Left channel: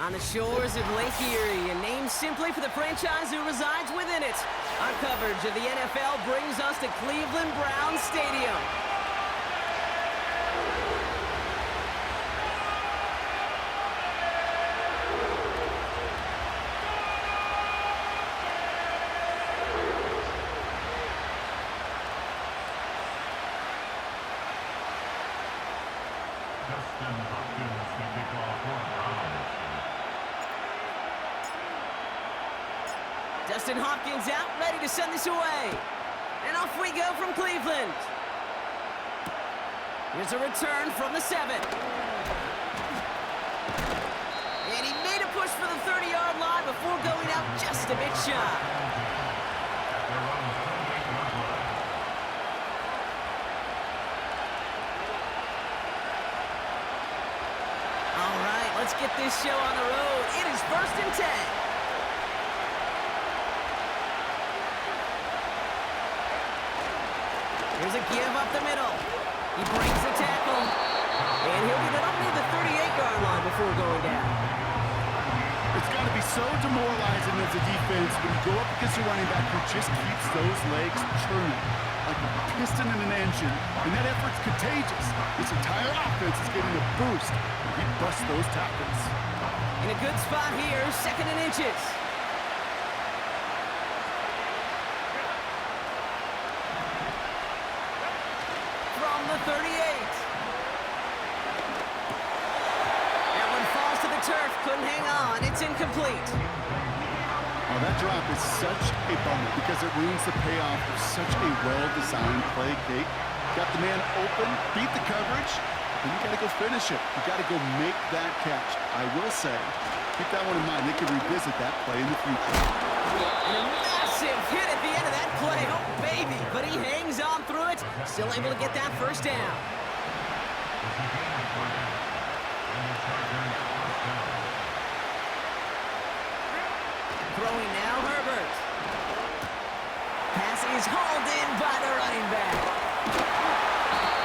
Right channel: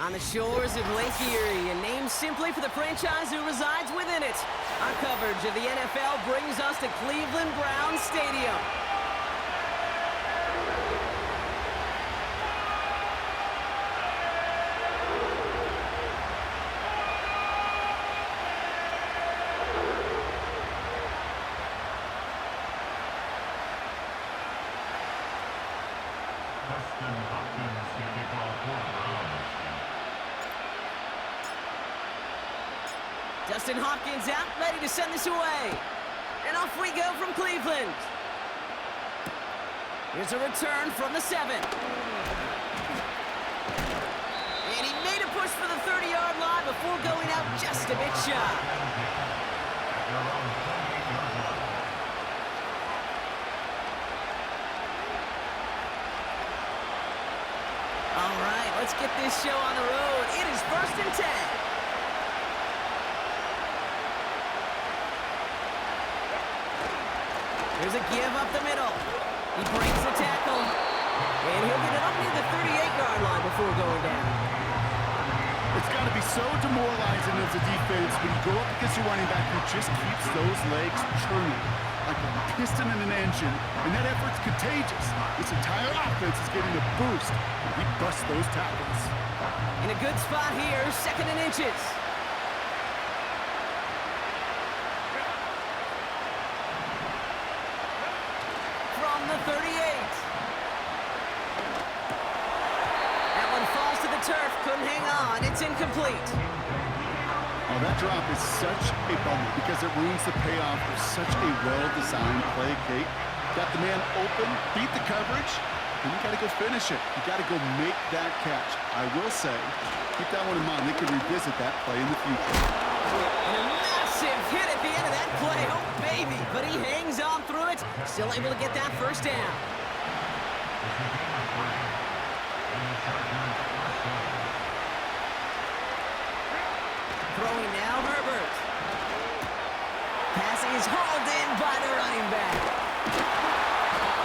On the shores of Lake Erie, and named simply for the franchise who resides within it. Our coverage of the NFL brings us to Cleveland Browns Stadium. Dustin Hopkins out, ready to send this away. And off we go from Cleveland. Here's a return from the 7. And he made a push for the 30-yard line before going out just a bit shy. All right, let's get this show on the road. It is 1st and 10. Here's a give up the middle. He breaks the tackle. And he'll get it up near the 38-yard line before going down. It's got to be so demoralizing as a defense when you go up against a running back who just keeps those legs churning like a piston in an engine. And that effort's contagious. This entire offense is getting a boost when he busts those tackles. In a good spot here, 2nd and inches. The 38. That one falls to the turf. Couldn't hang on. It's incomplete. Oh, that drop is such a bummer because it ruins the payoff of such a well-designed play, Kate. Got the man open, beat the coverage, then you got to go finish it. You got to go make that catch. I will say, keep that one in mind. They could revisit that play in the future. And a massive hit at the end of that play. Oh, baby. But he hangs on through it. Still able to get that first down. Throwing now, Herbert. Pass is hauled in by the running back.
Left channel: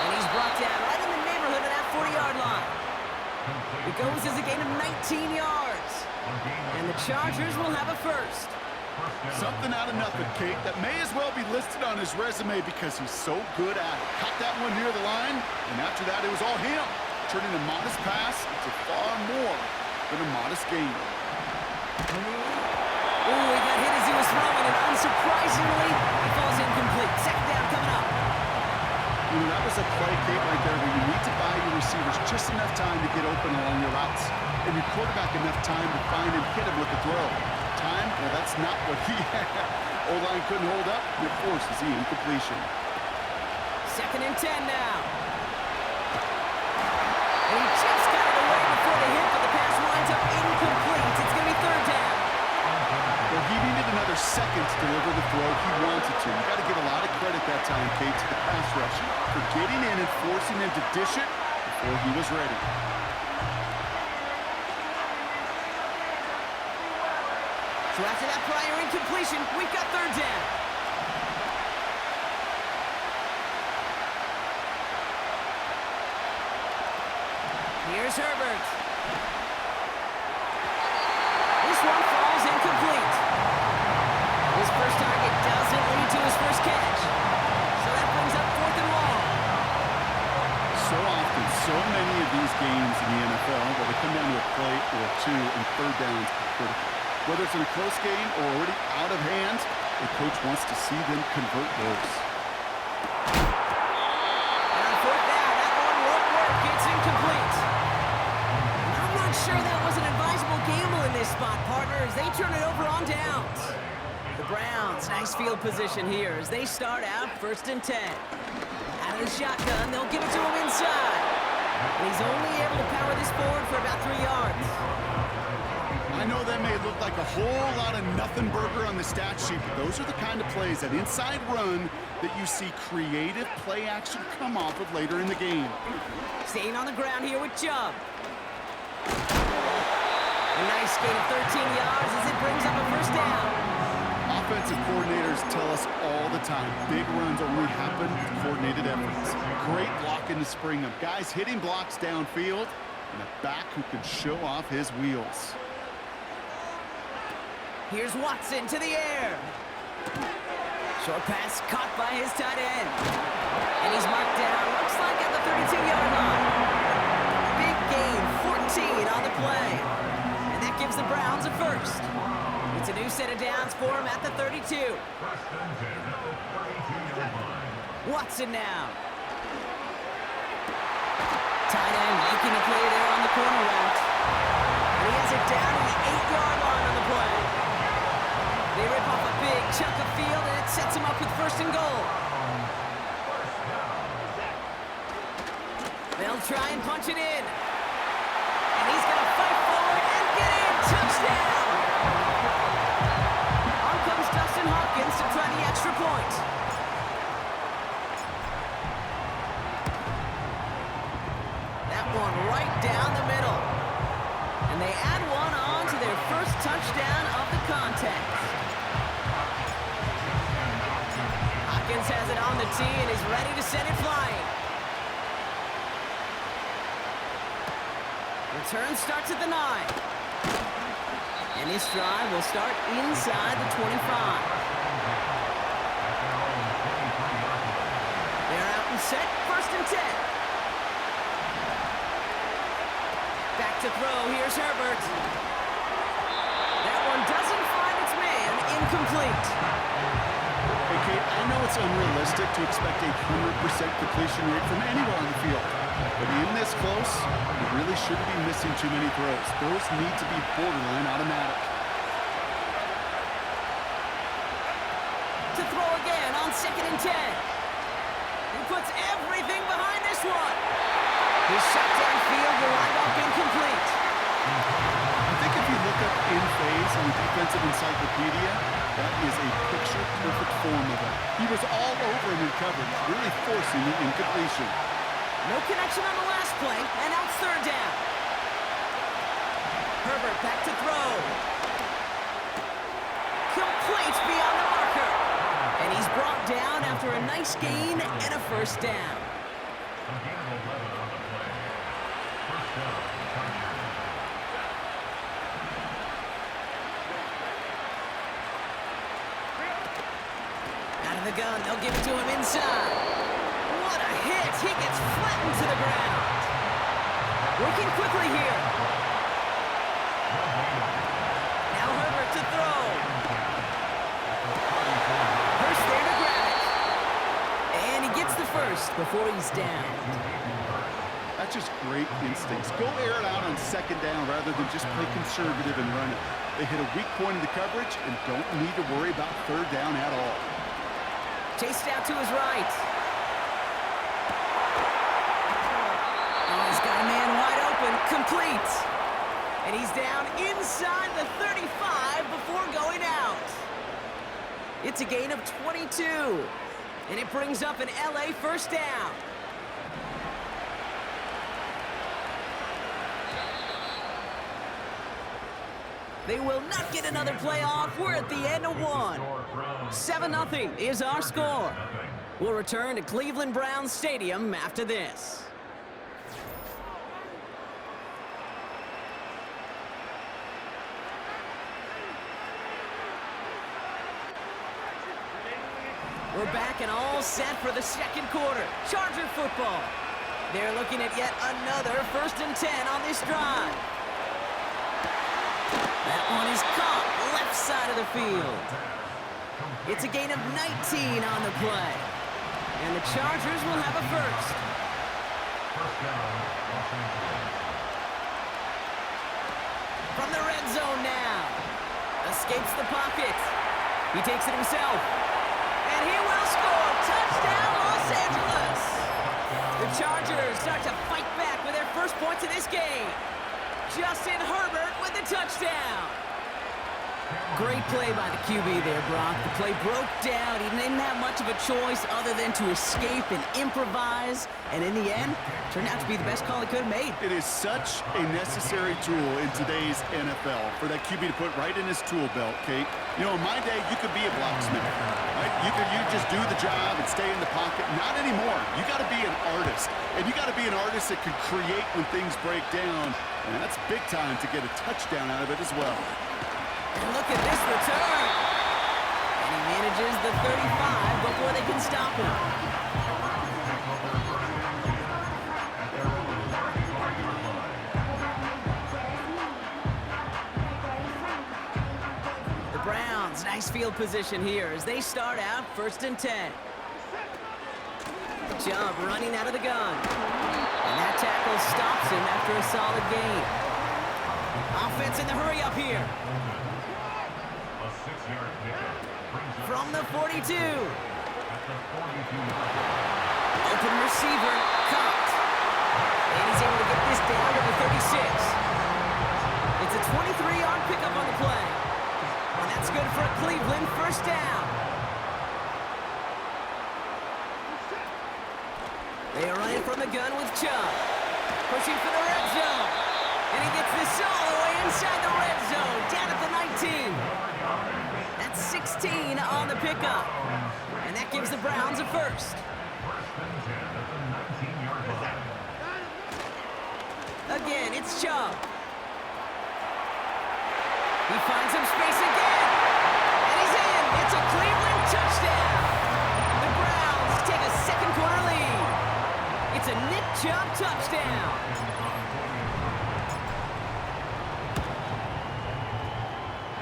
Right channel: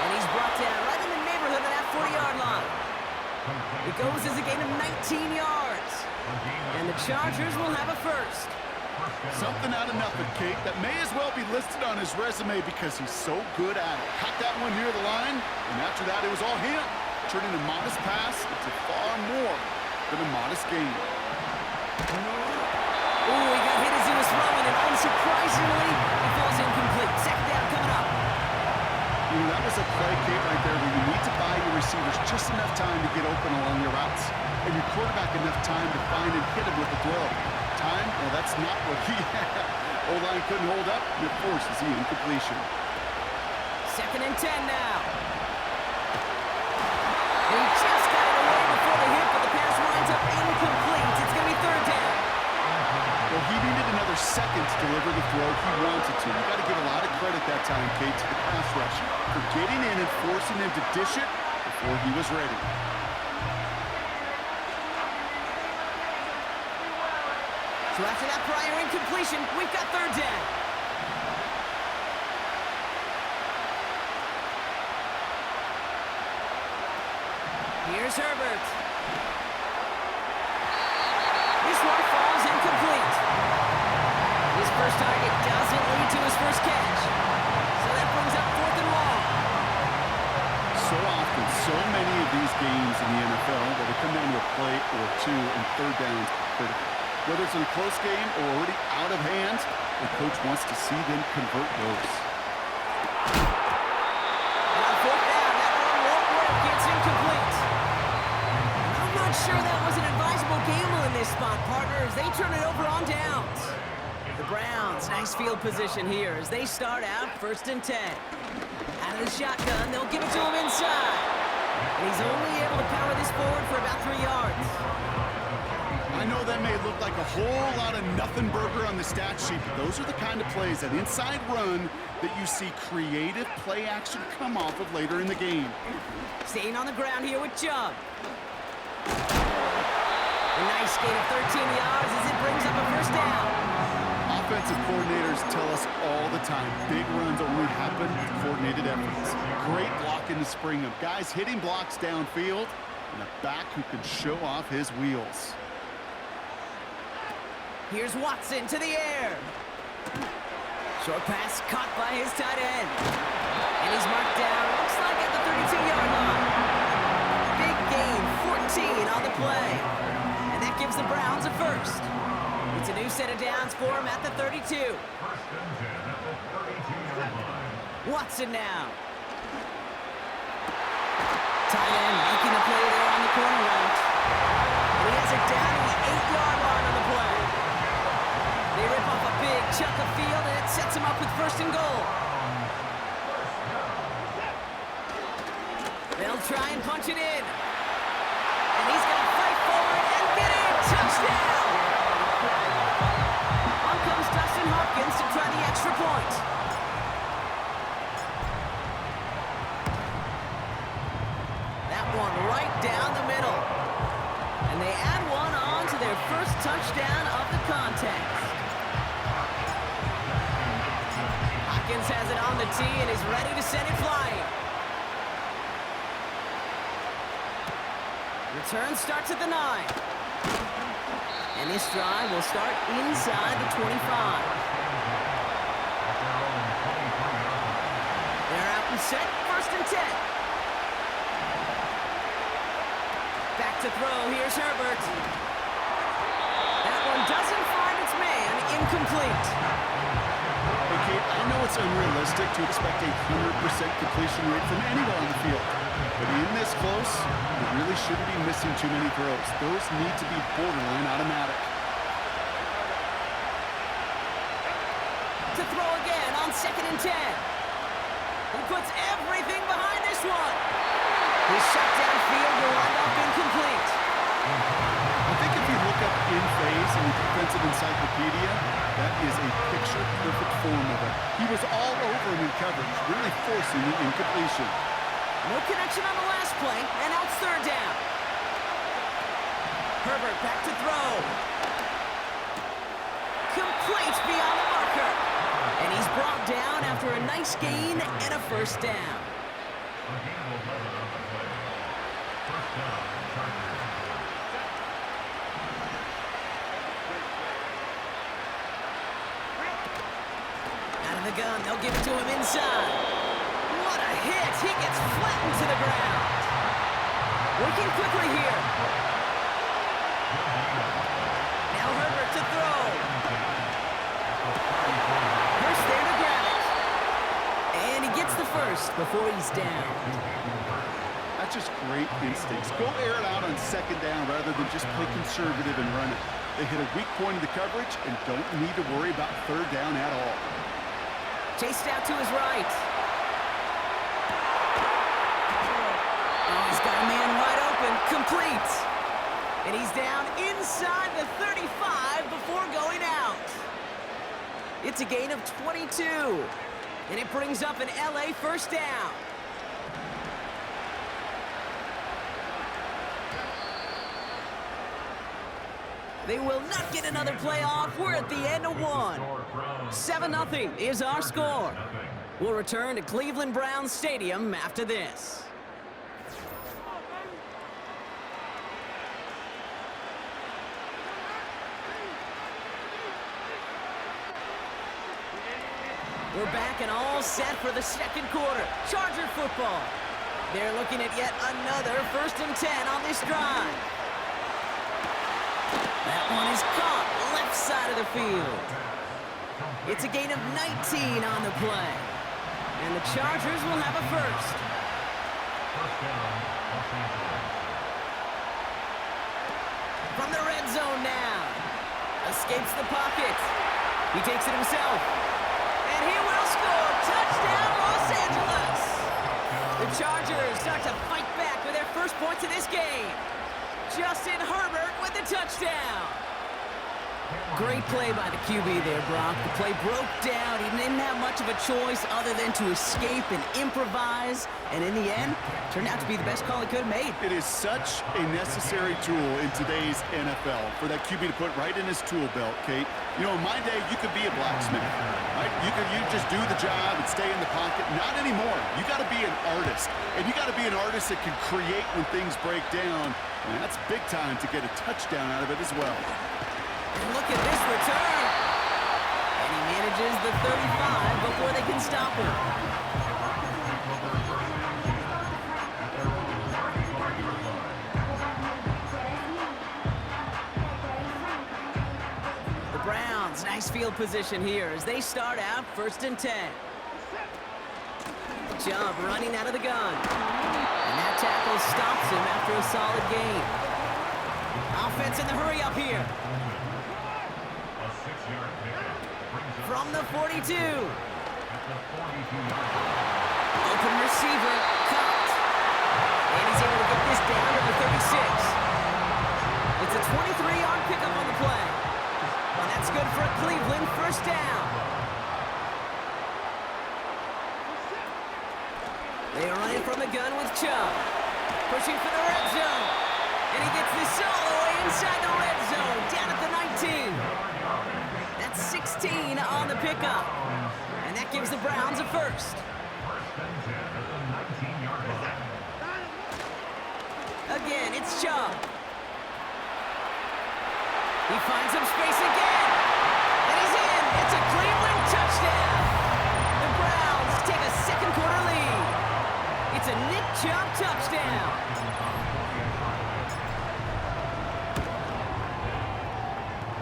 And he's brought down right in the neighborhood of that 40-yard line. It goes as a gain of 19 yards. And the Chargers will have a first. Something out of nothing, Kate, that may as well be listed on his resume because he's so good at it. Caught that one near the line, and after that, it was all him. Turning a modest pass into far more than a modest gain. Ooh, he got hit as he was throwing, and unsurprisingly, he falls incomplete. 2nd down coming up. You know, that was a play, Kate, right there where you need to buy your receivers just enough time to get open along your routes, and your quarterback enough time to find and hit him with the throw. Time? Well, that's not what he had. O-line couldn't hold up, and it forces the incompletion. 2nd and 10 now. And he just got it away before the hit, but the pass winds up incomplete. It's going to be 3rd down. Well, he needed another second to deliver the throw he wanted to. You got to give a lot of credit that time, Kate, to the pass rush for getting in and forcing him to dish it before he was ready. So after that prior incompletion, we've got 3rd down. Here's Herbert. This one falls incomplete. His first target doesn't lead to his first catch. So that brings up 4th and long. So often, so many of these games in the NFL, well, they come down to a play or two, and 3rd downs are critical. Whether it's in a close game or already out of hand, the coach wants to see them convert those. And on 4th down, that one won't work. It's incomplete. And I'm not sure that was an advisable gamble in this spot, partners. They turn it over on downs. The Browns, nice field position here as they start out 1st and 10. Out of the shotgun, they'll give it to him inside. And he's only able to power this forward for about 3 yards. I know that may look like a whole lot of nothing burger on the stat sheet, but those are the kind of plays, that inside run, that you see creative play action come off of later in the game. Staying on the ground here with Chubb. A nice gain of 13 yards as it brings up a 1st down. Offensive coordinators tell us all the time, big runs only happen with coordinated efforts. Great blocking to spring them. Guys hitting blocks downfield, and a back who can show off his wheels. Here's Watson to the air. Short pass caught by his tight end. And he's marked down, looks like at the 32-yard line. Big gain, 14 on the play. And that gives the Browns a first. It's a new set of downs for him at the 32. First and 10 at the 32-yard line. Watson now. Tight end making a play there on the corner route. And he has it down to the 8-yard line on the play. They rip off a big chunk of field, and it sets him up with first and goal. They'll try and punch it in. And he's going to fight forward and get in. Touchdown! On comes Dustin Hopkins to try the extra point. That one right down the middle. And they add one on to their first touchdown of the contest. Hopkins has it on the tee and is ready to send it flying. Return starts at the 9. And this drive will start inside the 25. They're out and set, first and 10. Back to throw, here's Herbert. That one doesn't find its man, incomplete. Hey, Kate, I know it's unrealistic to expect a 100% completion rate from anywhere on the field. But in this close, you really shouldn't be missing too many throws. Those need to be borderline automatic. To throw again on second and 10. He puts everything behind this one. His shot downfield will wind up incomplete. I think if you look up in phase in the defensive encyclopedia, that is a picture-perfect form of it. He was all over him in coverage, really forcing the incompletion. No connection on the last play, and now it's third down. Herbert back to throw. Complete beyond the marker. And he's brought down after a nice gain and a first down. A gain of 11 on the play. First down, Chargers. Out of the gun, they'll give it to him inside. What a hit! He gets flattened to the ground. Working quickly here. Now Herbert to throw. Hurst there to grab it. And he gets the first before he's down. That's just great instincts. Go air it out on second down rather than just play conservative and run it. They hit a weak point in the coverage and don't need to worry about third down at all. Chased out to his right. Oh, he's got a man wide open. Complete. And he's down inside the 35 before going out. It's a gain of 22. And it brings up an LA first down. They will not get another play off. We're at the end of one. 7-0 is our score. We'll return to Cleveland Browns Stadium after this. We're back and all set for the second quarter. Charger football. They're looking at yet another first and 10 on this drive. That one is caught left side of the field. It's a gain of 19 on the play. And the Chargers will have a first. First down, Los Angeles. From the red zone now. Escapes the pocket. He takes it himself. And he will score. Touchdown, Los Angeles. The Chargers start to fight back with their first points of this game. Justin Herbert with the touchdown. Great play by the QB there, Brock. The play broke down. He didn't have much of a choice other than to escape and improvise. And in the end, turned out to be the best call he could have made. It is such a necessary tool in today's NFL for that QB to put right in his tool belt, Kate. You know, in my day, you could be a blacksmith, right? You just do the job and stay in the pocket. Not anymore. You got to be an artist. And you got to be an artist that can create when things break down. And that's big time to get a touchdown out of it as well. And look at this return. And he manages the 35 before they can stop him. The Browns, nice field position here as they start out 1st and 10. Jump running out of the gun. And that tackle stops him after a solid gain. Offense in the hurry up here. A 6-yard pickup brings up From the 42. at the 42-yard line. Open receiver, caught. And he's able to get this down to the 36. It's a 23-yard pickup on the play. And that's good for a Cleveland 1st down. They are running from the gun with Chubb. Pushing for the red zone. And he gets this all the way inside the red zone, down at the 19. That's 16 on the pickup. And that gives the Browns a 1st. 1st and 10 at the 19-yard line. Again, it's Chubb. He finds some space again. And he's in. It's a Cleveland touchdown. The Browns take a 2nd quarter lead. It's a Nick Chubb touchdown.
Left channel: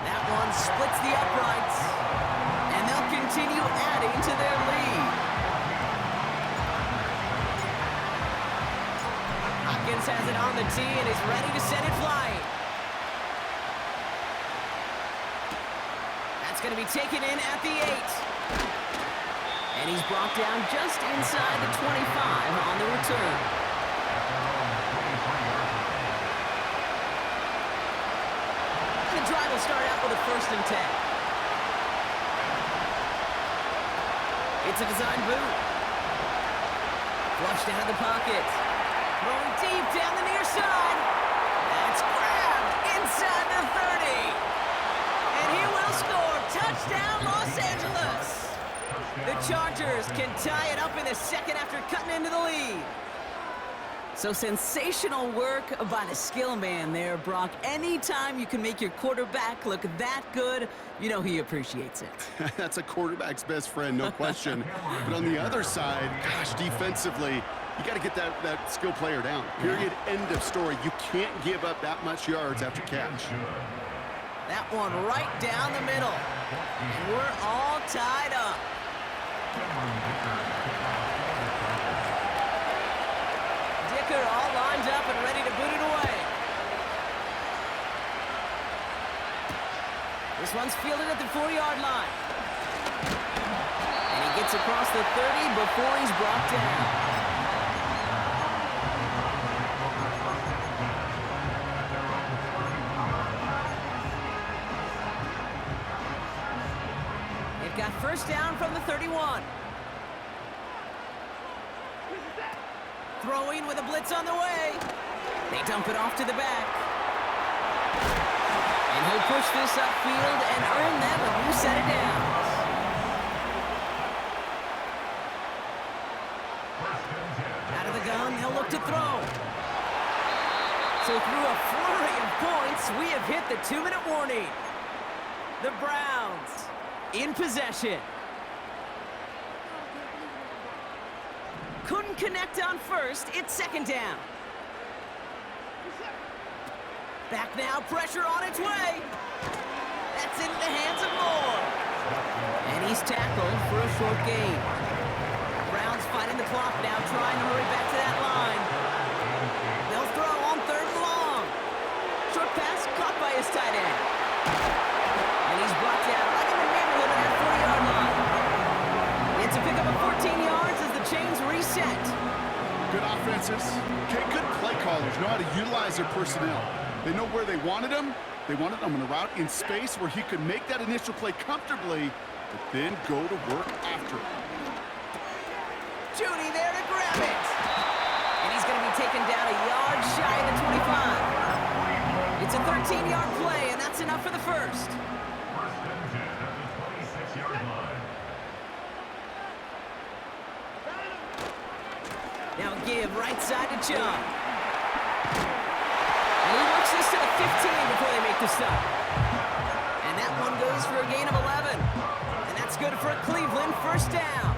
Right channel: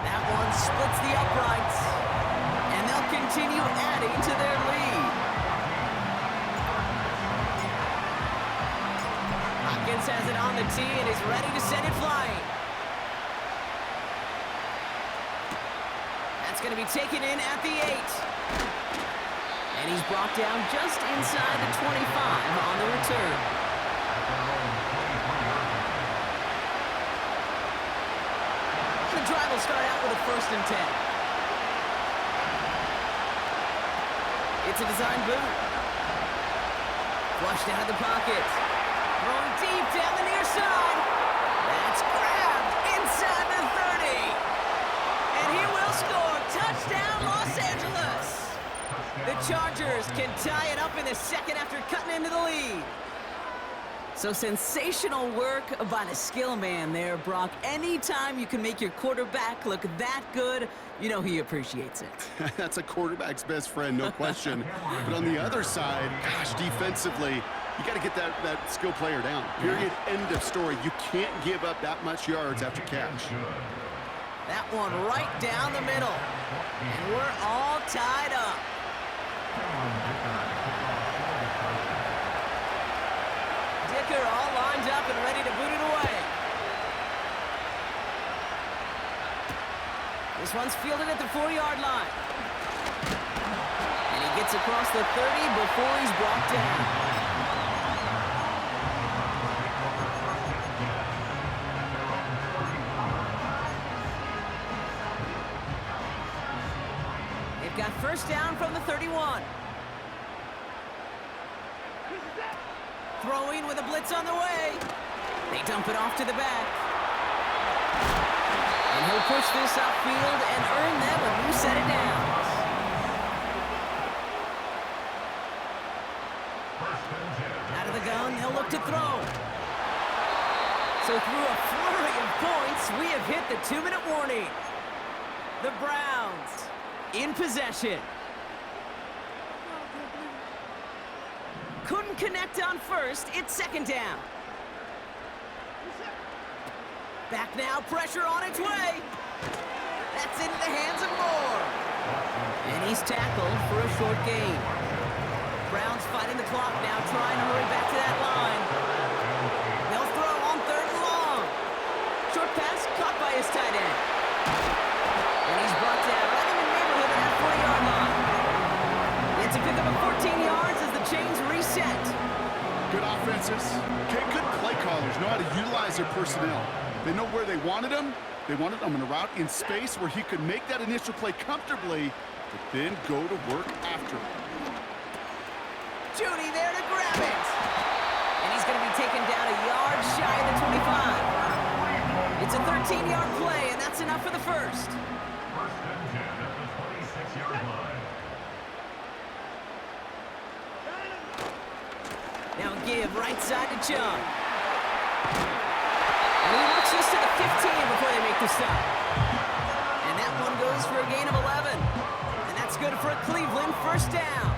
That one splits the uprights. And they'll continue adding to their lead. Hopkins has it on the tee and is ready to send it flying. That's going to be taken in at the 8. And he's brought down just inside the 25 on the return. At their own 23-yard line. The drive will start out with a 1st and 10. It's a design boot. Flushed out of the pocket. Throwing deep down the near side. That's grabbed inside the 30. And he will score. Touchdown, Los Angeles. The Chargers can tie it up in the 2nd after cutting into the lead. So sensational work by the skill man there, Brock. Anytime you can make your quarterback look that good, you know he appreciates it. That's a quarterback's best friend, no question. But on the other side, gosh, defensively, you got to get that skill player down. Period. End of story. You can't give up that much yards after catch. That one right down the middle. And we're all tied up. Dicker all lined up and ready to boot it away. This one's fielded at the 4-yard line. And he gets across the 30 before he's brought down. They've got 1st down from the 31. Throwing with a blitz on the way. They dump it off to the back. And he'll push this upfield and earn them a new set of downs. Out of the gun, they'll look to throw. So through a flurry of points, we have hit the 2-minute warning. The Browns in possession. Couldn't connect on 1st. It's 2nd down. Back now, pressure on its way. That's into the hands of Moore. And he's tackled for a short gain. Browns fighting the clock now, trying to hurry back to that line. They'll throw on 3rd and long. Short pass caught by his tight end. And he's brought down right in the neighborhood of that 40-yard line. It's a pickup of 14 yards as the chains reset. Good offenses. Okay, good play callers know how to utilize their personnel. They know where they wanted him. They wanted him in a route in space where he could make that initial play comfortably, but then go to work after. Judy there to grab it. And he's going to be taken down a yard shy of the 25. It's a 13-yard play, and that's enough for the 1st. 1st and 10 at the 26-yard line. Now give right side to Chubb. And he works this to the 15 before they make the stop. that one goes for a gain of 11. And that's good for a Cleveland first down.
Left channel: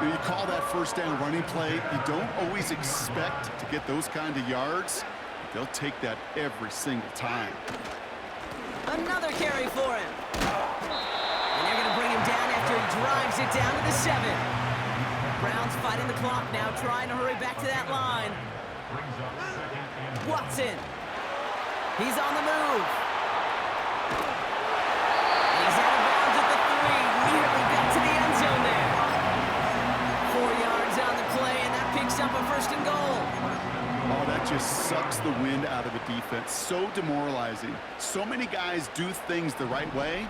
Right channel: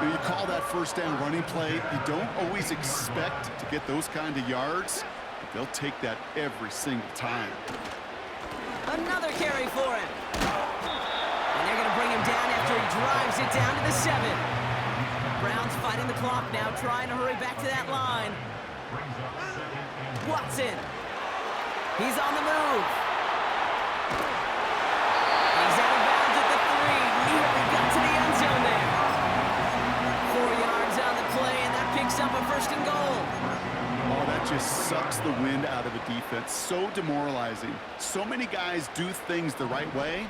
You call that first down running play. You don't always expect to get those kind of yards, but they'll take that every single time. Another carry for him. And they're going to bring him down after he drives it down to the 7. Browns fighting the clock now, trying to hurry back to that line. Watson. He's on the move. And he's out of bounds at the 3. Nearly got to the end zone there. 4 yards on the play, and that picks up a first and goal. Oh, that just sucks the wind out of a defense. So demoralizing. So many guys do things the right way,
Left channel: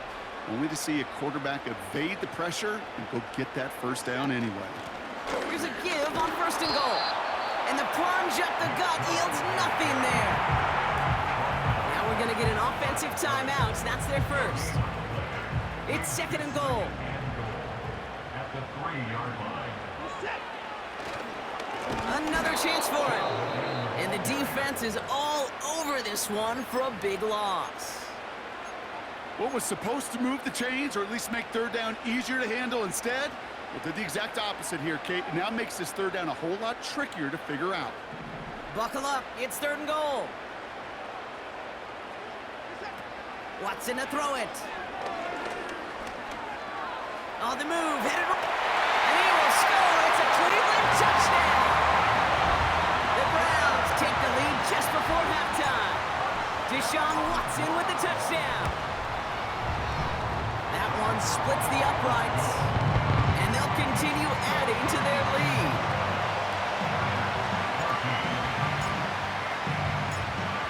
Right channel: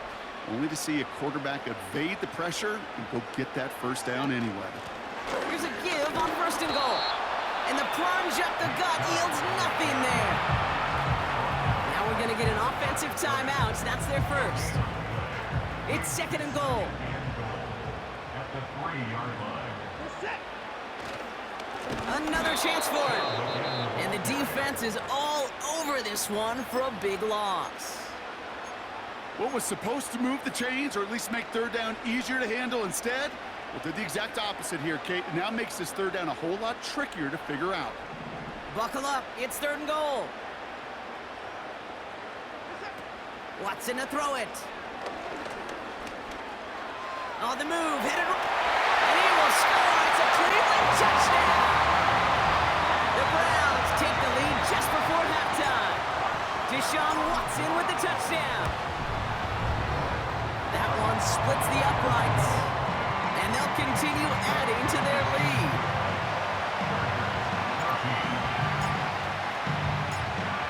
only to see a quarterback evade the pressure and go get that first down anyway. Here's a give on first and goal. And the plunge up the gut yields nothing there. Now we're going to get an offensive timeout. That's their first. It's second and goal. At the 3-yard line. Another chance for him. And the defense is all over this one for a big loss. What was supposed to move the chains or at least make third down easier to handle instead? Well, did the exact opposite here, Kate. It now makes this third down a whole lot trickier to figure out. Buckle up. It's third and goal. Watson to throw it. On the move. Headed. And he will score. It's a Cleveland touchdown. The Browns take the lead just before halftime. Deshaun Watson with the touchdown. That one splits the uprights. And they'll continue adding to their lead.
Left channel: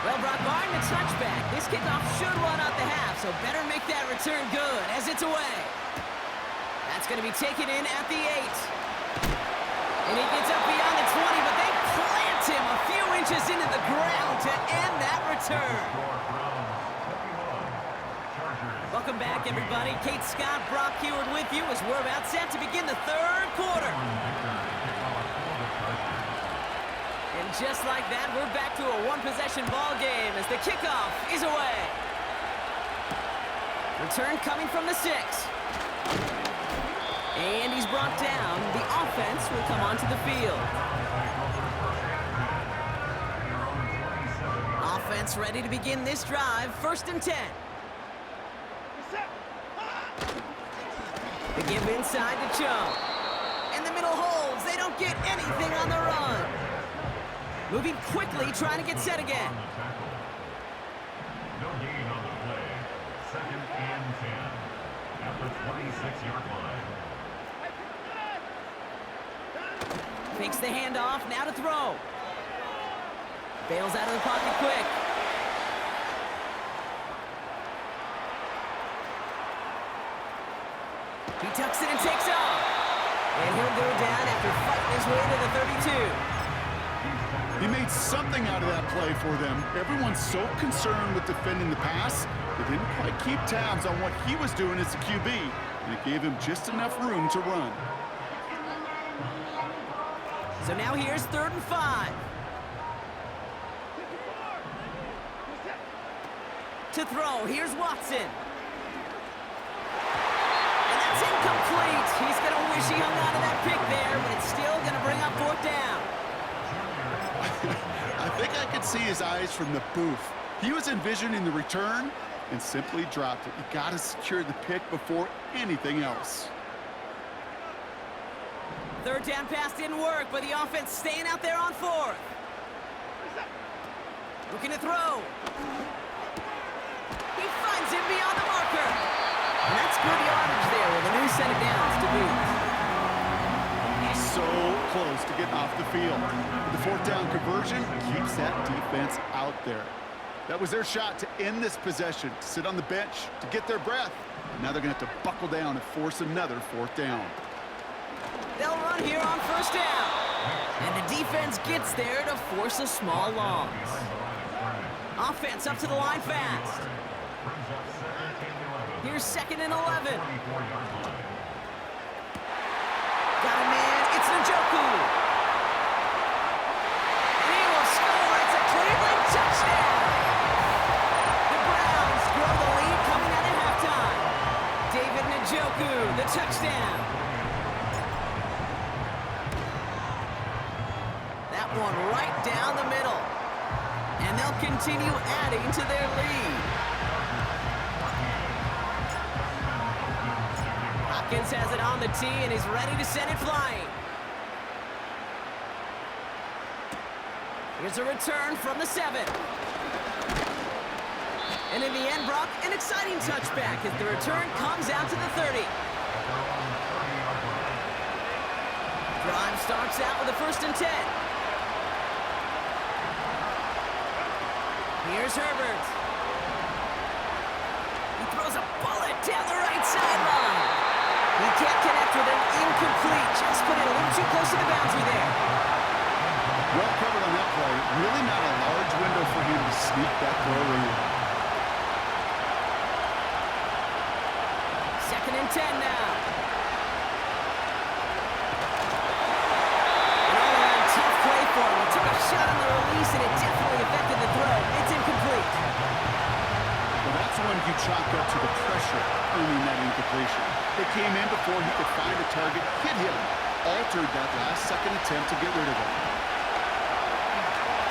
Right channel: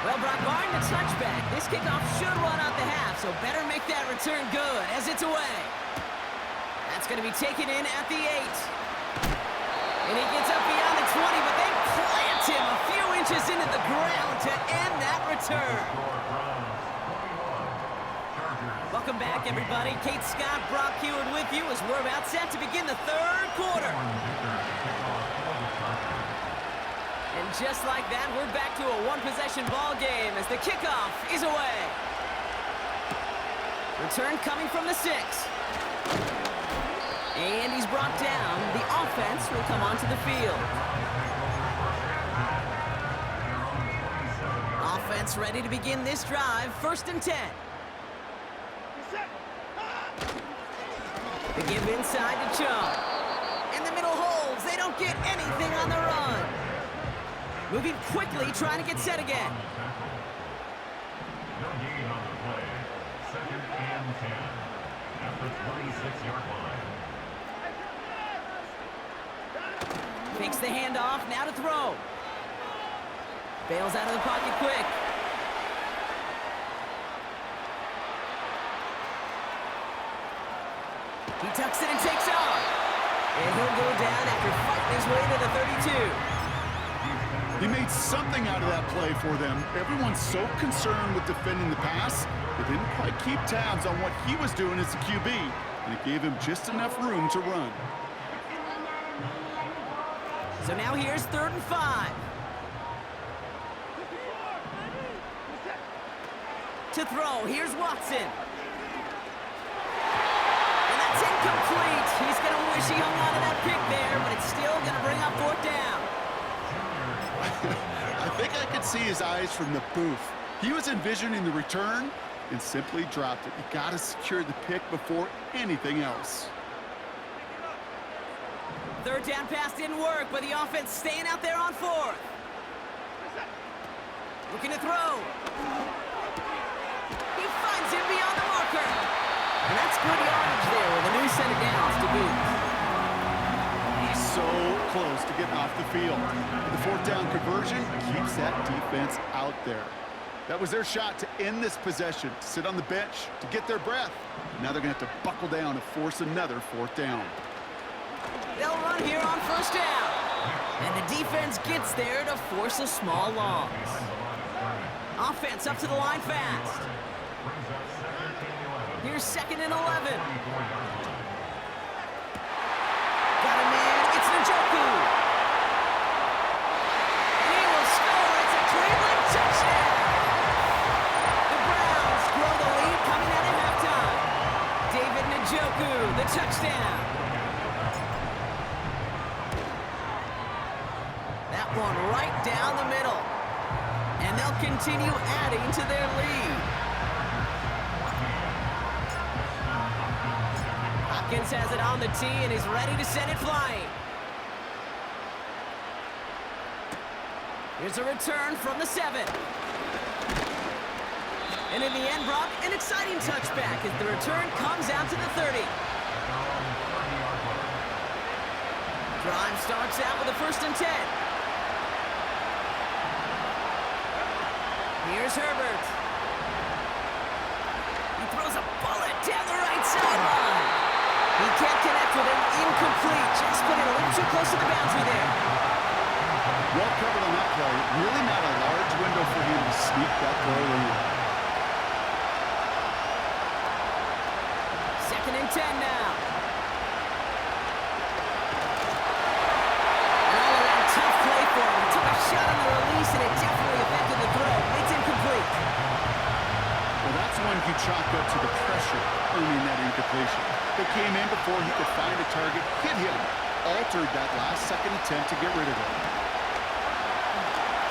Well, Brock, barring the touchback, this kickoff should run out the half, so better make that return good as it's away. That's going to be taken in at the 8. And he gets up beyond the 20, but they plant him a few inches into the ground to end that return. Welcome back, everybody. Kate Scott, Brock Heward with you as we're about set to begin the third quarter. And just like that, we're back to a one-possession ball game as the kickoff is away. Return coming from the 6. And he's brought down. The offense will come onto the field. Offense ready to begin this drive. First and 10. The give inside to Chubb. And the middle holds. They don't get anything on the run. Moving quickly, trying to get set again. No gain on the play. Second and 10. At the 26-yard line. Fakes the handoff, now to throw. Bails out of the pocket quick. He tucks it and takes off. And he'll go down after fighting his way to the 32. He made something out of that play for them. Everyone's so concerned with defending the pass, they didn't quite keep tabs on what he was doing as the QB, and it gave him just enough room to run. So now here's third and 5. To throw, here's Watson. And that's incomplete. He's going to wish he hung on to that pick there, but it's still going to bring up fourth down. I think I could see his eyes from the booth. He was envisioning the return and simply dropped it. You got to secure the pick before anything else. Third down pass didn't work, but the offense staying out there on fourth. Looking to throw. He finds him beyond the marker. And that's good yardage there with a new set of downs to boot. So close to getting off the field. The fourth down conversion keeps that defense out there. That was their shot to end this possession, to sit on the bench, to get their breath. Now they're going to have to buckle down and force another fourth down. They'll run here on first down. And the defense gets there to force a small loss. Offense up to the line fast. Here's second and 11. Got a man. It's Njoku. And he will score. It's a Cleveland touchdown. The Browns grow the lead coming out of that one right down the middle. And they'll continue adding to their lead. Hopkins has it on the tee and is ready to send it flying. Here's a return from the 7. And in the end, Brock, an exciting touchback as the return comes out to the 30. Drive starts out with a 1st and 10. Here's Herbert. He throws a bullet down the right sideline. He can't connect with him. Incomplete. Just put it a little too close to the boundary there. Well covered on that play. Really not a large window for him to sneak that throw in. 2nd and 10 now. An all-around tough play for him. He took a shot on the release, and it definitely affected the throw. It's incomplete. Well, that's one you chalk up to the pressure earning that incompletion. They came in before he could find a target, hit him, altered that last-second attempt to get rid of it.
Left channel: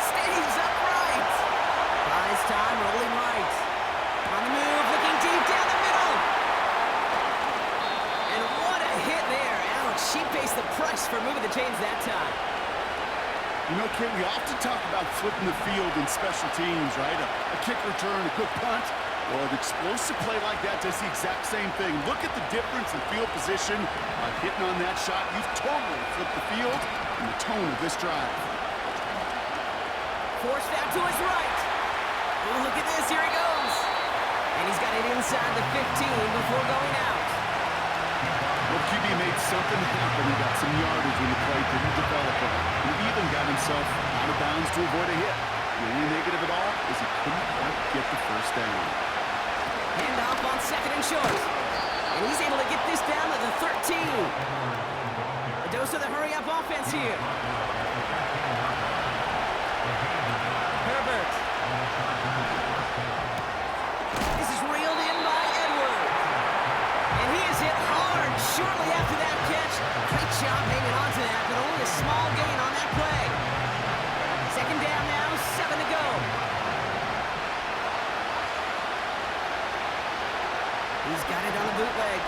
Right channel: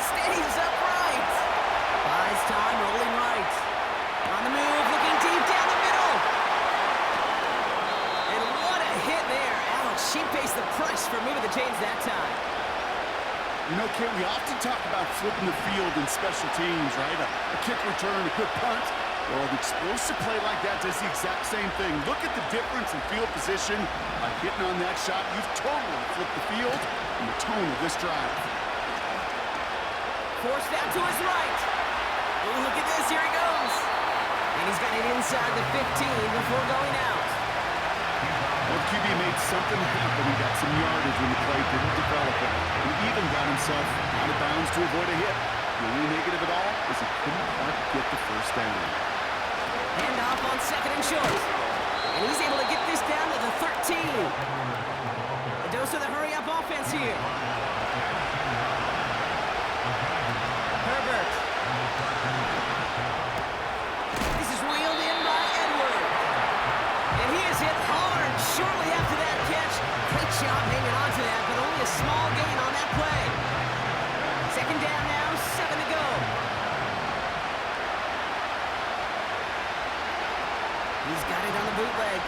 Stays upright. Buys time, rolling right. On the move, looking deep down the middle. And what a hit there. Alex, she pays the price for moving the chains that time. You know, Kate, we often talk about flipping the field in special teams, right? A kick return, a good punt. Well, an explosive play like that does the exact same thing. Look at the difference in field position. By hitting on that shot, you've totally flipped the field and the tone of this drive. Forced out to his right. Oh, look at this. Here he goes. And he's got it inside the 15 before going out. Well, QB made something happen and got some yardage when the play didn't develop right. He even got himself out of bounds to avoid a hit. The only negative at all is he couldn't quite get the 1st down. Handoff on 2nd and short. And he's able to get this down to the 13. A dose of the hurry-up offense here. Herbert. This is reeled in by Edwards. And he is hit hard shortly after that catch. Great job hanging on to that, but only a small gain on that play. 2nd down now, 7 to go. He's got it on the bootleg.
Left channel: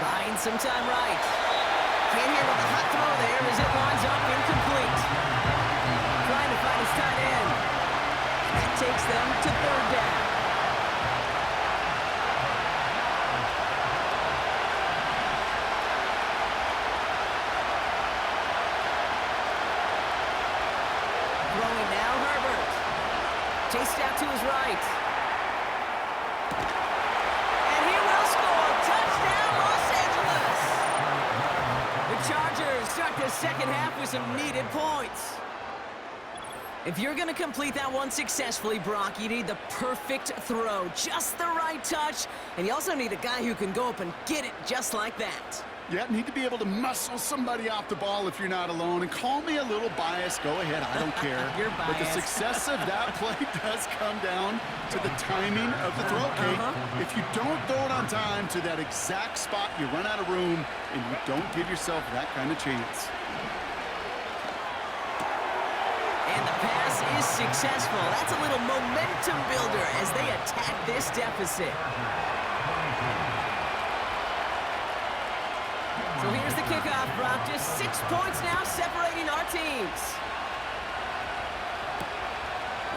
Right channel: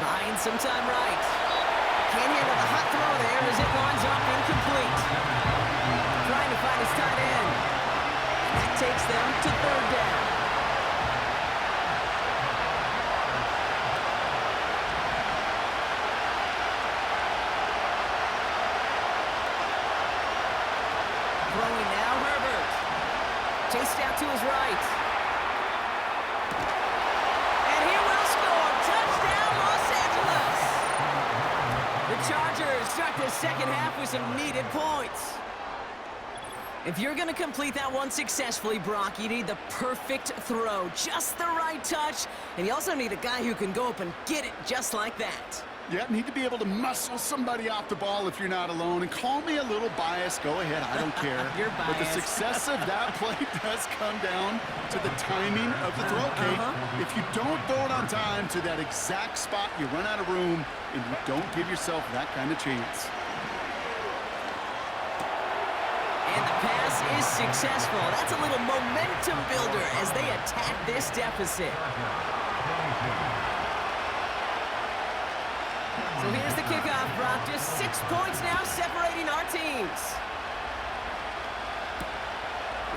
Buying some time right. Can't handle the hot throw there as it lines up incomplete. Trying to find his tight end. And that takes them to 3rd down. Throwing now, Herbert. Chased out to his right. And he will score. Touchdown, Los Angeles. The Chargers start the 2nd half with some needed points. If you're going to complete that one successfully, Brock, you need the perfect throw. Just the right touch. And you also need a guy who can go up and get it just like that. Yeah, need to be able to muscle somebody off the ball if you're not alone. And call me a little biased. Go ahead. I don't care. You're biased. But the success of that play does come down to the timing of the throw, Kate. If you don't throw it on time to that exact spot, you run out of room, and you don't give yourself that kind of chance. And the pass is successful. That's a little momentum builder as they attack this deficit. So here's the kickoff, Brock. Just 6 points now separating our teams.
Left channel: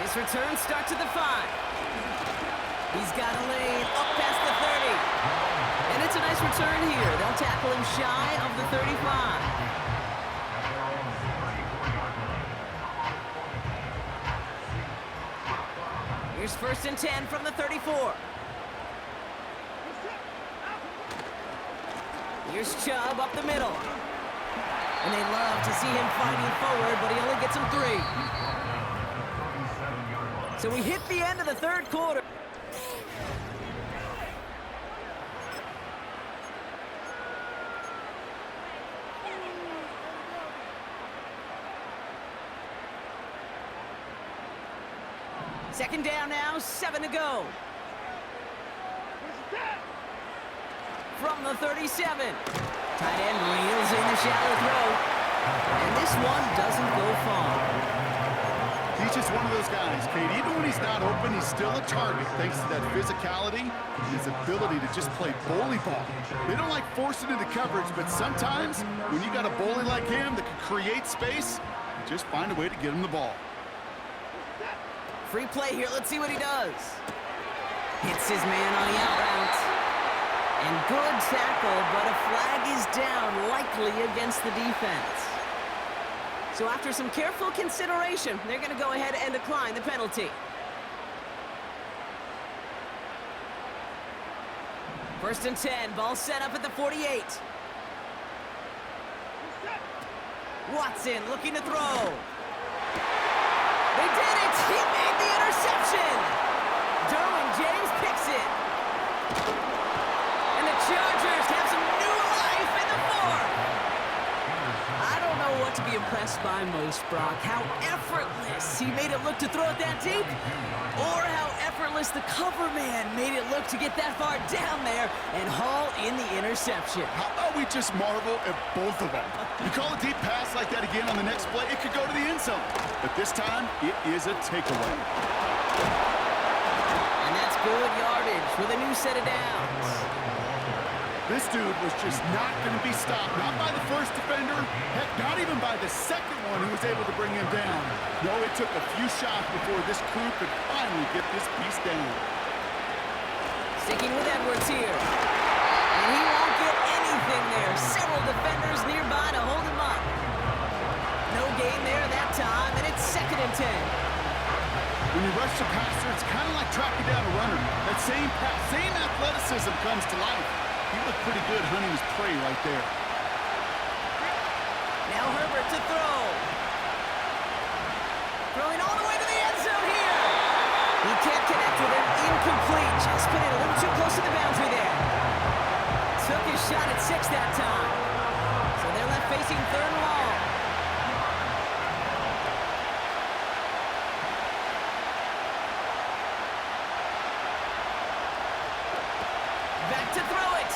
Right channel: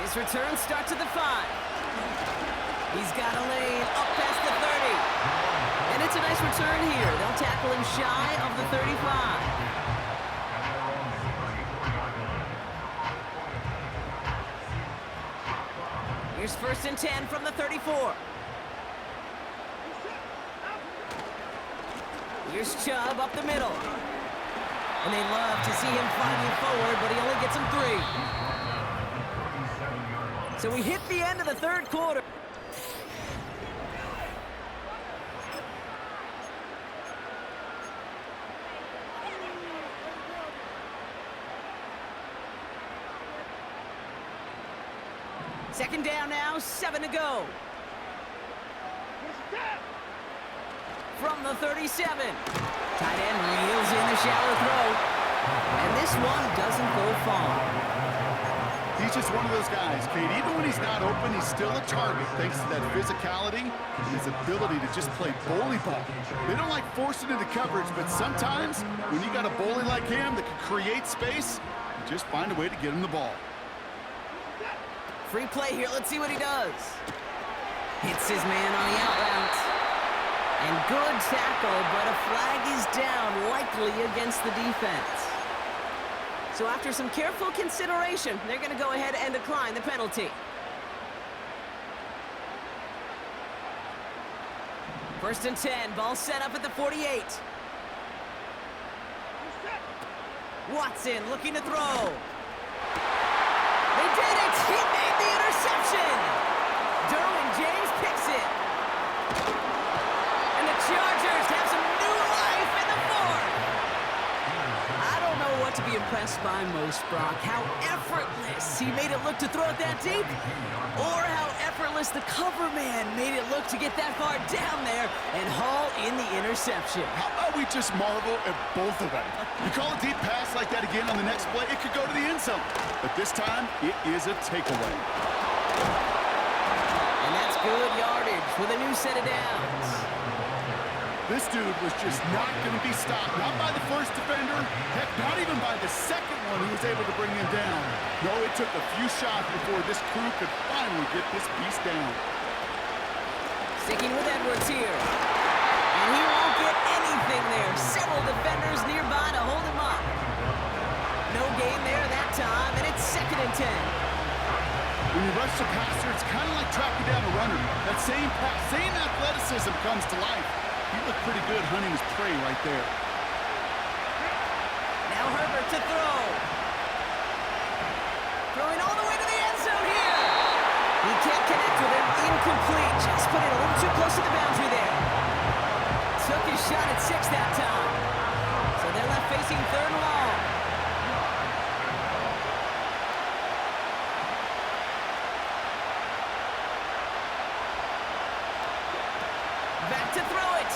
This return starts at the 5. He's got a lane up past the 30. And it's a nice return here. They'll tackle him shy of the 35. Here's 1st and 10 from the 34. Here's Chubb up the middle. And they love to see him fighting forward, but he only gets him 3. So we hit the end of the 3rd quarter. Second down now, 7 to go. From the 37. Tight end reels in the shallow throw. And this one doesn't go far. He's just one of those guys, Kate. Even when he's not open, he's still a target thanks to that physicality and his ability to just play bully ball. They don't like forcing into coverage, but sometimes when you got a bully like him that can create space, you just find a way to get him the ball. Free play here. Let's see what he does. Hits his man on the out route. And good tackle, but a flag is down, likely against the defense. So after some careful consideration, they're going to go ahead and decline the penalty. First and 10, ball set up at the 48. Watson looking to throw. They did it! He made the interception! Derwin James picks it. And the Chargers have some new life in the fourth. I don't know what to be impressed by most, Brock. How effortless he made it look to throw it that deep, or how effortless the cover man made it look to get that far down there and haul in the interception. How about we just marvel at both of them? You call a deep pass like that again on the next play, it could go to the end zone. But this time, it is a takeaway. And that's good yardage with a new set of downs. This dude was just not going to be stopped. Not by the first defender. Heck, not even by the second one who was able to bring him down. No, it took a few shots before this crew could finally get this beast down. Sticking with Edwards here. And he won't get anything there. Several defenders nearby to hold him up. No gain there that time, and it's 2nd and 10. When you rush the passer, it's kind of like tracking down a runner. That same pass, same athleticism comes to life. He looked pretty good hunting his prey right there. Now Herbert to throw. Throwing all the way to the end zone here. He can't connect with him. Incomplete. Just put it a little too close to the boundary there. Took his shot at 6 that time. So they're left facing 3rd and long. Back to throw it.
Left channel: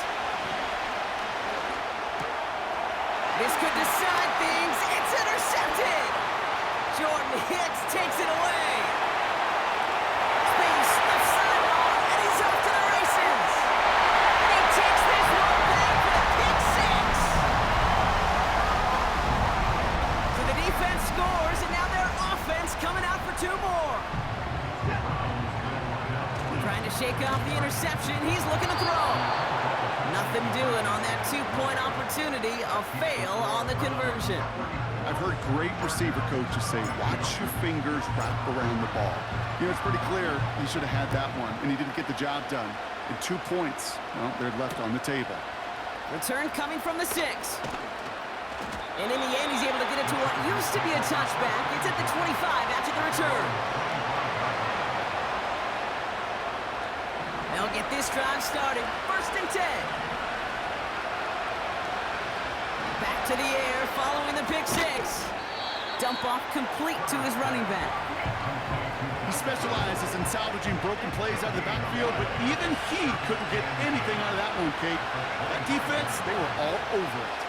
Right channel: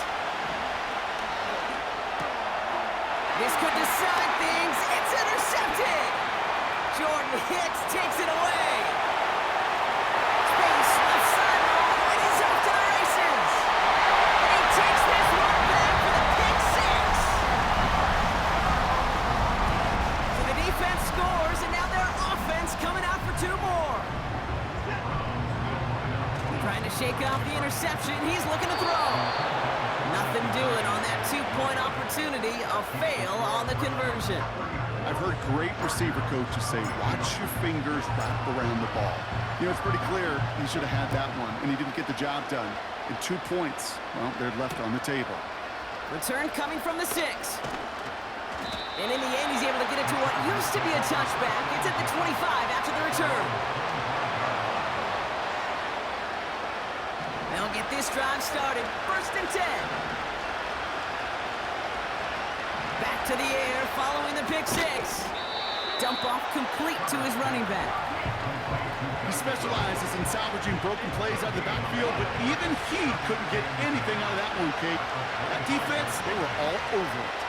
This could decide things. It's intercepted. Jordan Hicks takes it away. Space, left sideline, and he's off to the races. And he takes this one back for the pick 6. So the defense scores, and now their offense coming out for 2 more. Trying to shake off the interception. He's looking to throw. Nothing doing on that 2-point opportunity. A fail on the conversion. I've heard great receiver coaches say, watch your fingers wrap around the ball. You know, it's pretty clear he should have had that one, and he didn't get the job done. And 2 points, well, they're left on the table. Return coming from the 6. And in the end, he's able to get it to what used to be a touchback. It's at the 25 after the return. They'll get this drive started. 1st and 10. Back to the air following the pick 6. Dump off complete to his running back. He specializes in salvaging broken plays out of the backfield, but even he couldn't get anything out of that one, Kate. That defense, they were all over it.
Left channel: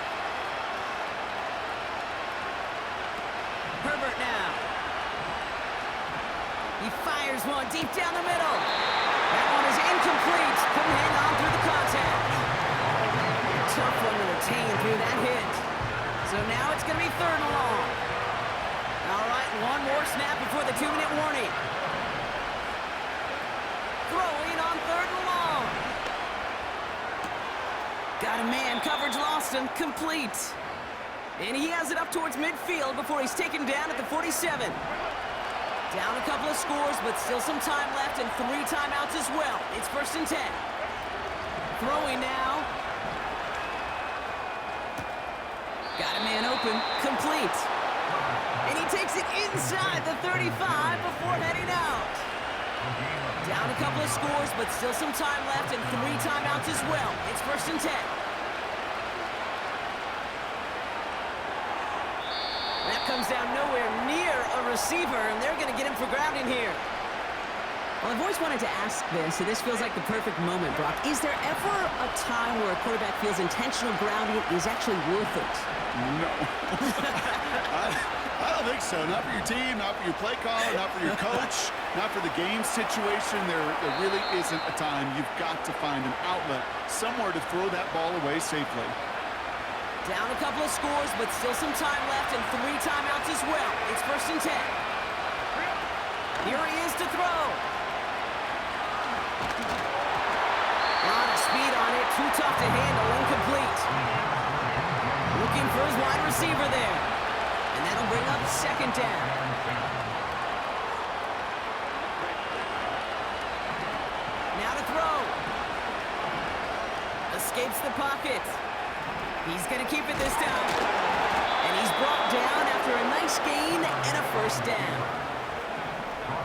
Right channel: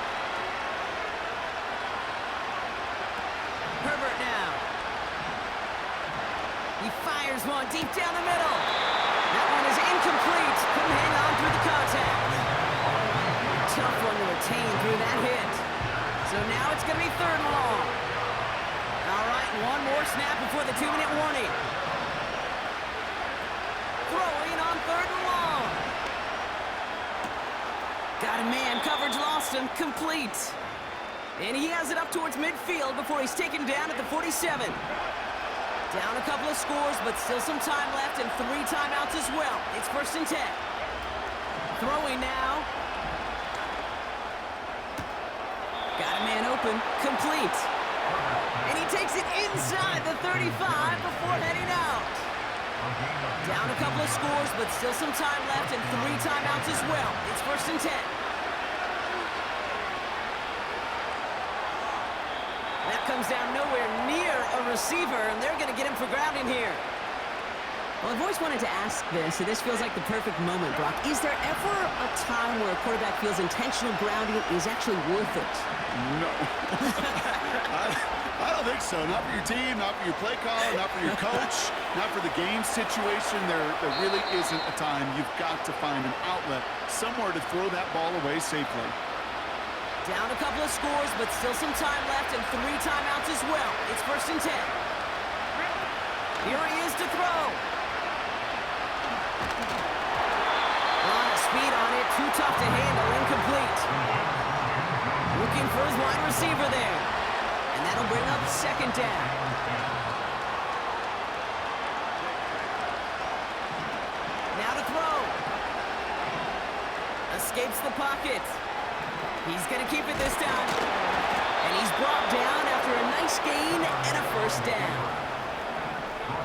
Herbert now. He fires one deep down the middle. That one is incomplete. Couldn't hang on through the contact. Tough one to retain through that hit. So now it's going to be 3rd and long. All right, one more snap before the 2-minute warning. Throwing on 3rd and long. Got a man. Coverage lost him. Complete. And he has it up towards midfield before he's taken down at the 47. Down a couple of scores, but still some time left and 3 timeouts as well. It's 1st and 10. Throwing now. Got a man open. Complete. And he takes it inside the 35 before heading out. Down a couple of scores, but still some time left and 3 timeouts as well. It's 1st and 10. That comes down nowhere near a receiver, and they're going to get him for grounding here. Well, I've always wanted to ask this, and this feels like the perfect moment, Brock. Is there ever a time where a quarterback feels intentional grounding is actually worth it? No. I don't think so. Not for your team, not for your play caller, not for your coach, not for the game situation. There really isn't a time. You've got to find an outlet, somewhere to throw that ball away safely. Down a couple of scores, but still some time left and 3 timeouts as well. It's 1st and 10. Here he is to throw. A lot of speed on it, too tough to handle, incomplete. Looking for his wide receiver there. And that'll bring up 2nd down. Now to throw. Escapes the pocket. He's going to keep it this time. And he's brought down after a nice gain and a 1st down.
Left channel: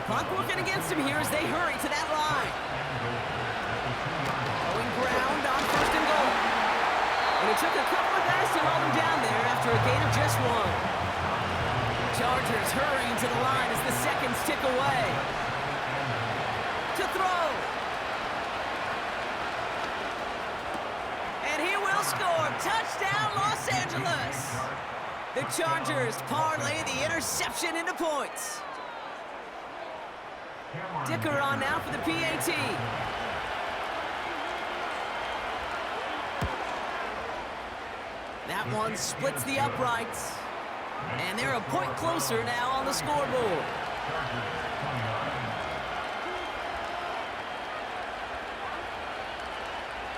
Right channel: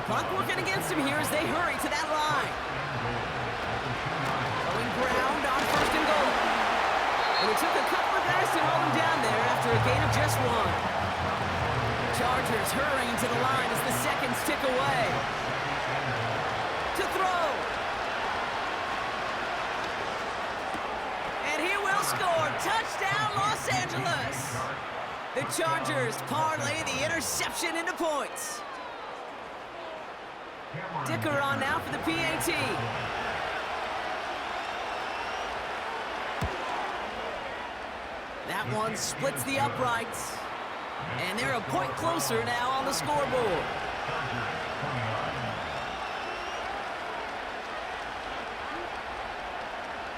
Clock working against him here as they hurry to that line. Going ground on 1st and goal. And it took a couple of guys to hold him down there after a gain of just 1. Chargers hurrying to the line as the seconds tick away. To throw. And he will score. Touchdown, Los Angeles. The Chargers parlay the interception into points. Dicker on now for the PAT. That one splits the uprights. And they're a point closer now on the scoreboard.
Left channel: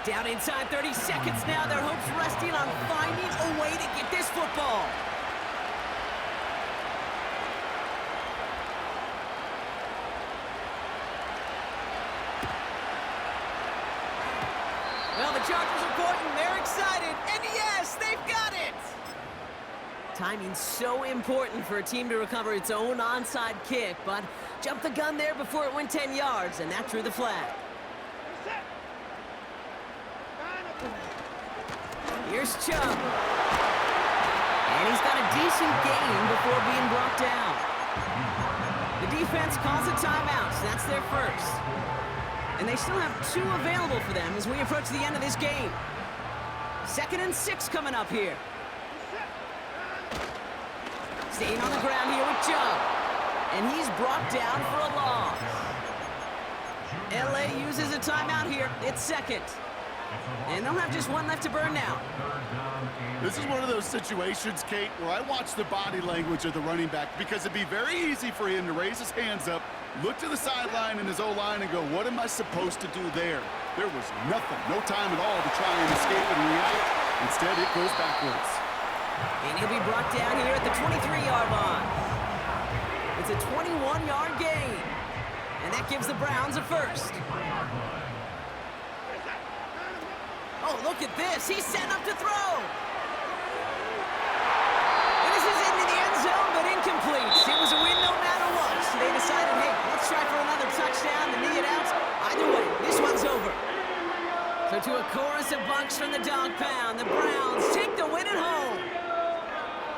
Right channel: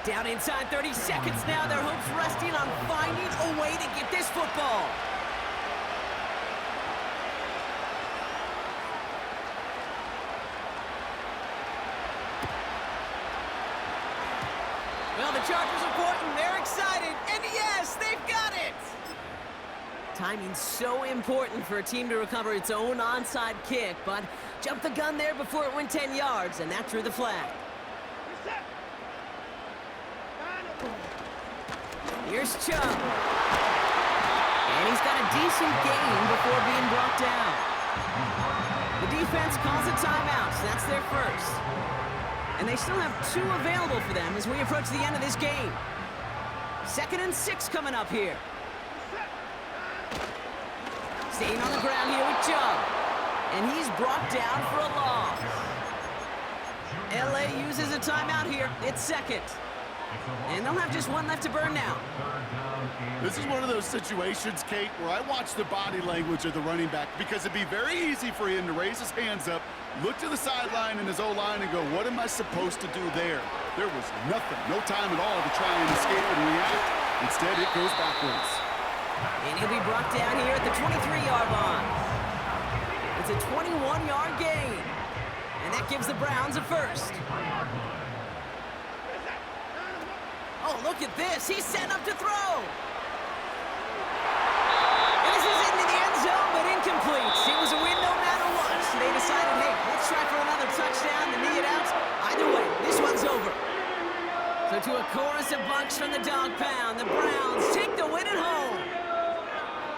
Down inside 30 seconds now. Their hopes resting on finding a way to get this football. Well, the Chargers are pointing. They're excited. And yes, they've got it. Timing's so important for a team to recover its own onside kick, but jumped the gun there before it went 10 yards, and that drew the flag. Here's Chubb. And he's got a decent gain before being brought down. The defense calls a timeout, so that's their first. And they still have 2 available for them as we approach the end of this game. 2nd and 6 coming up here. Staying on the ground here with Chubb. And he's brought down for a loss. LA uses a timeout here. It's 2nd. And they'll have just 1 left to burn now. This is one of those situations, Kate, where I watch the body language of the running back because it'd be very easy for him to raise his hands up, look to the sideline in his O-line and go, what am I supposed to do there? There was nothing, no time at all to try and escape and react. Instead, it goes backwards. And he'll be brought down here at the 23-yard line. It's a 21-yard gain. And that gives the Browns a first. Oh, look at this. He's setting up to throw. And this is into the end zone, but incomplete. It was a win no matter what. So they decided, hey, let's try for another touchdown to knee it out. Either way, this one's over. So to a chorus of bunks from the dog pound, the Browns take the win at home.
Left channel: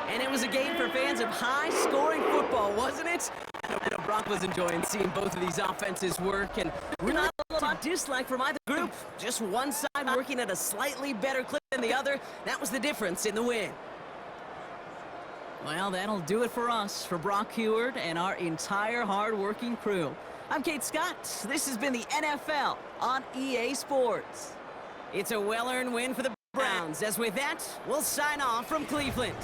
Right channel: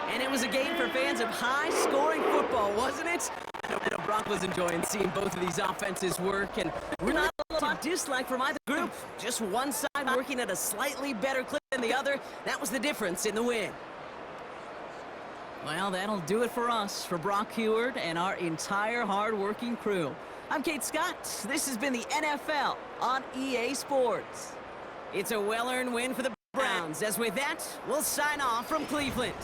And it was a game for fans of high-scoring football, wasn't it? I know Brock was enjoying seeing both of these offenses work, and we're not a lot of dislike from either group. Just one side working at a slightly better clip than the other. That was the difference in the win. Well, that'll do it for us, for Brock Heward and our entire hard-working crew. I'm Kate Scott. This has been the NFL on EA Sports. It's a well-earned win for the Browns, as with that, we'll sign off from Cleveland.